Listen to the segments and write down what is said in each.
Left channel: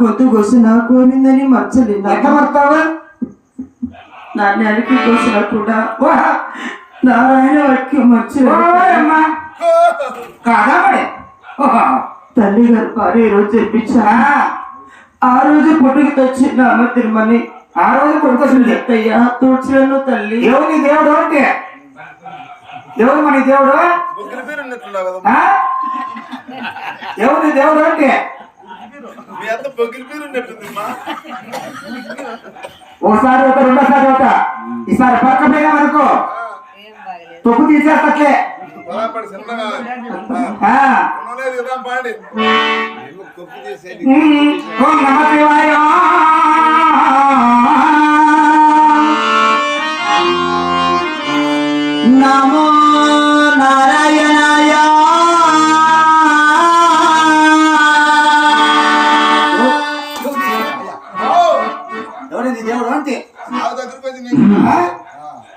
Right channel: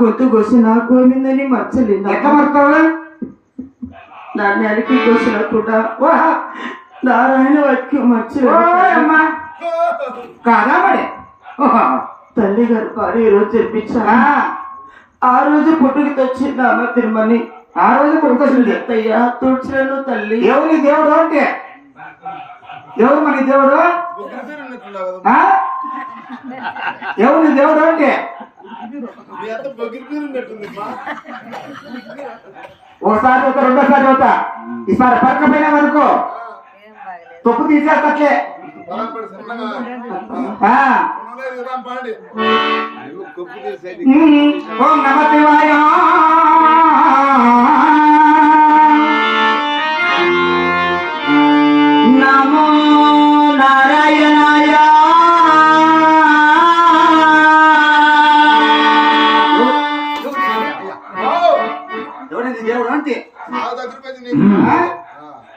గొంతు కోసి నా కోమిందని మర్చలేదు. ఎట్లా మర్తావా? నా నెలకి కోసిన కూడా నారాయణ వాటికి మర్చిపోయమ్మా కాదా మరి తల్లి గారు పారు ఈ రోజు తెప్పించా. ఆ రోజు పుట్టుకి తెచ్చింది అమ్మ తిరుమని. ఆ రోజు కొడుకొచ్చింది అయ్యా తుడిచిలను తల్లి. ఎవరి దేవుడు అంటే ఎవరు మన దేవుడు? ఎవరి దేవుడు అంటే ఒకసారి ఒక రెండోసారి ఒక ఈసారి పక్క పోయామనుకో తప్పు తీసేస్తట్లే. ఓం నమ శివాయ నమో నారాయణాయ. ఎవరి దేవుడు అంటే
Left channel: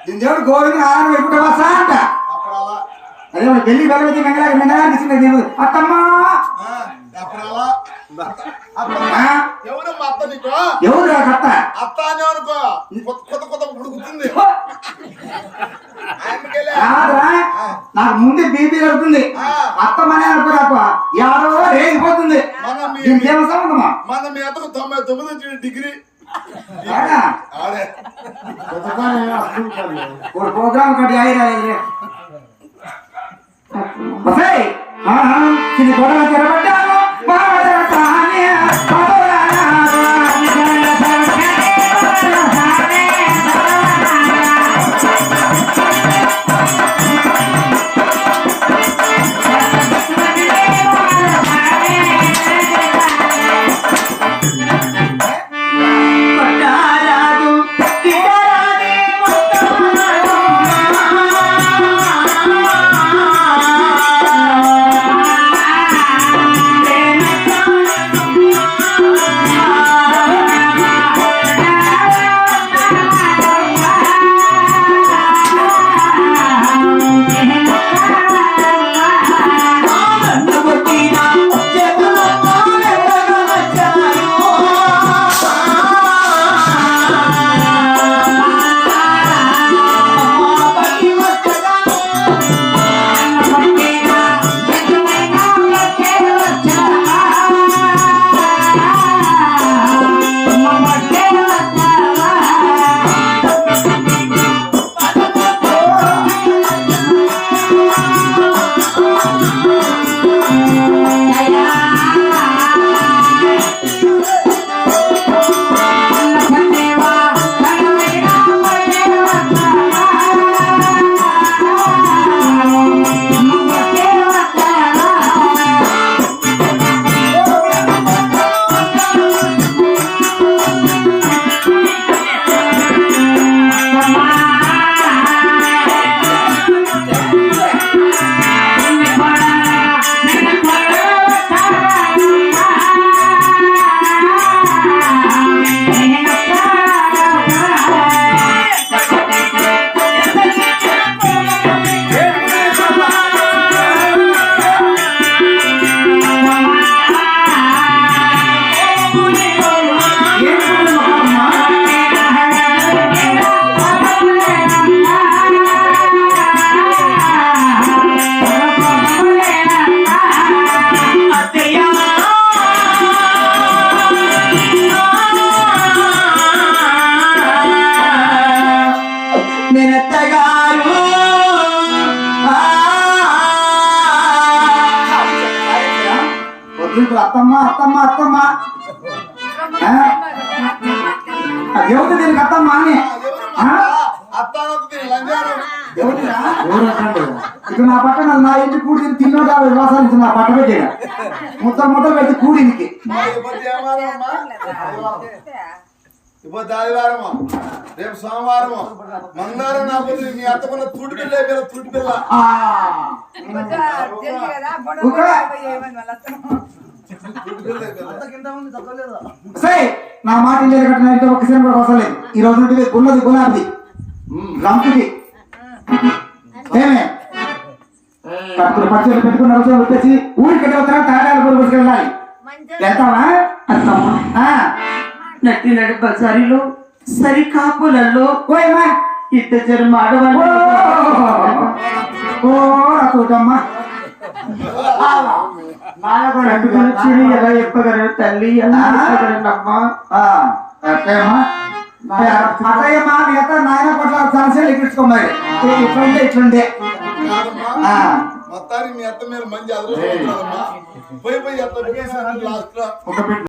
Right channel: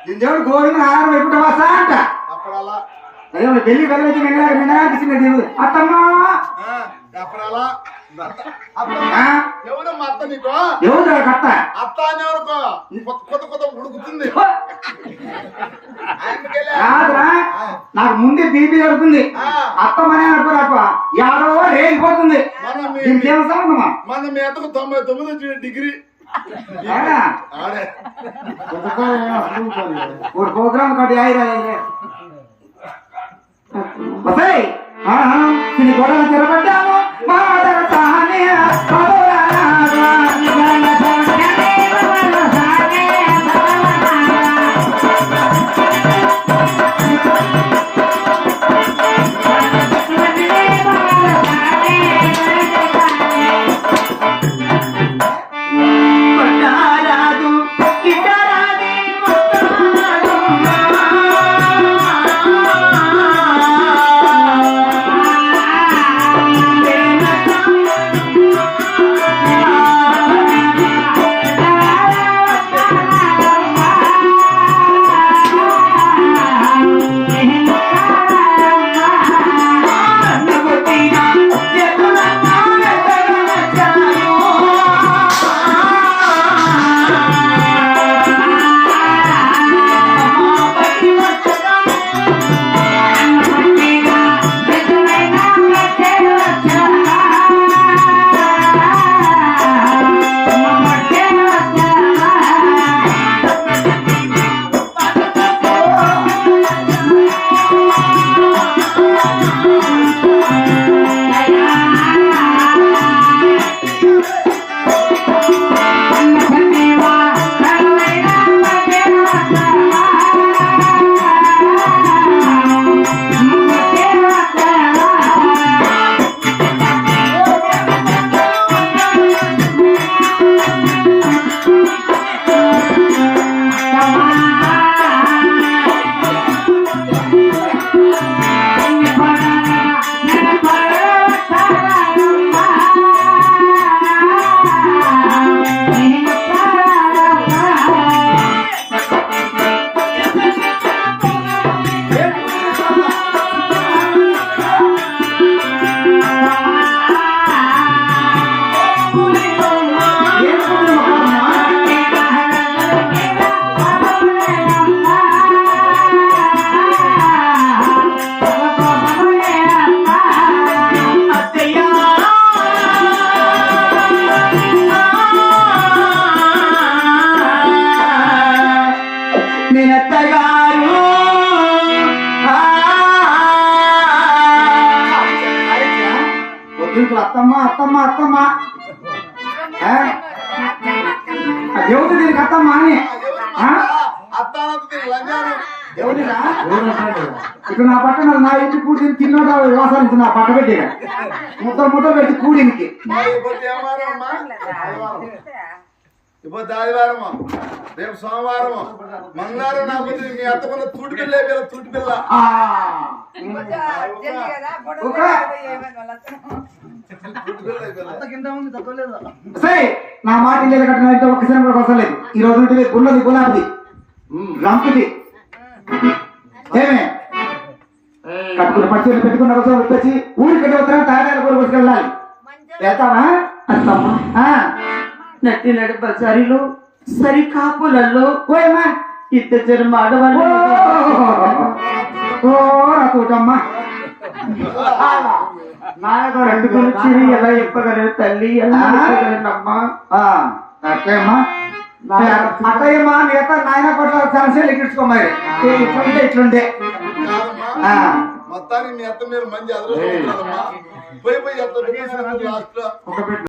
దీని దేవుడు గోవింద నారాయణ ఎప్పుడు అంట. అదే ఢిల్లీ వెళ్ళి నిన్న దేవుడు అత్తమ్మా ఎవరు మా అత్త నీకు? ఎవరు అత్త? అత్త అని అనుకో కొత్త కొత్త ఉడుకుతుంది. నాకు ముందే బీపీ కడుతుంది. అత్తమనే అనుకోరాప ఎవరో రేగిపోతుంది. దీనికేమో సంబంధమా? మన మీ అత్తకు 99 డిగ్రీ ఆడే ప్రోగ్రామ్ కట్టి ఆయన గొడవ చెరబడ్డాను రోజులు అత్తమ్మ అత్తమ్మ అత్తమ్మ ఆ? ఎవరు దీనికి అత్తమ్మ అని అత్తానంత లంజాను ఎవరిరా ఇక నా పట్టణ నా ఇంటి కూడి తిన్నోడా వ్యవసాయం నా పట్ట పెట్టేగా ముద్దలు పెట్టి కూడికి ఇప్పుడు ఏమారం అమ్మా ఇప్పుడు ఆదివారమా రేపు సోమవారము మంగళవారం నా పొద్దు మీ అత్తకున్న తూటి పిల్ల అయిపోయిన తూటి పిల్ల సరే నా మాట లేదు కట్టిన ఇంట్లో ఒక్కసారి కూడా అవసరం లేదు ఈ రోజు నుండి ఉన్నది గులాబీ రంపుది ఏమే కట్టుకుని పచ్చళ్ళు పెట్టుకున్న రోజులు వచ్చేసి ఊరికి వస్తారా తాగాలి కూడా తీసుకెళ్ళాలి వెళ్తావా అత్తమ్మ నట్టి నడి బజారిలో సరి కాపులలో ఓయమ్మా ఇద్దరు ఆడవాళ్ళు ఓ రాతోటమ్మా రెండు పిలిచి ఎలా చెప్పగలరు తల్లి ఎలా చెప్పగలరమ్మా అత్తయ్యమ్మా అత్తయ్యమ్మా మిగతా నాయన పట్ల సమస్యలు ఎక్కించుకోమరి ఇట్లుంటే ఇట్లుండే కాదమ్మా మొత్తానికి మీ అత్త మీరు మంచి అదృష్టం పోయి పోయి అత్త లాస్ట్ లో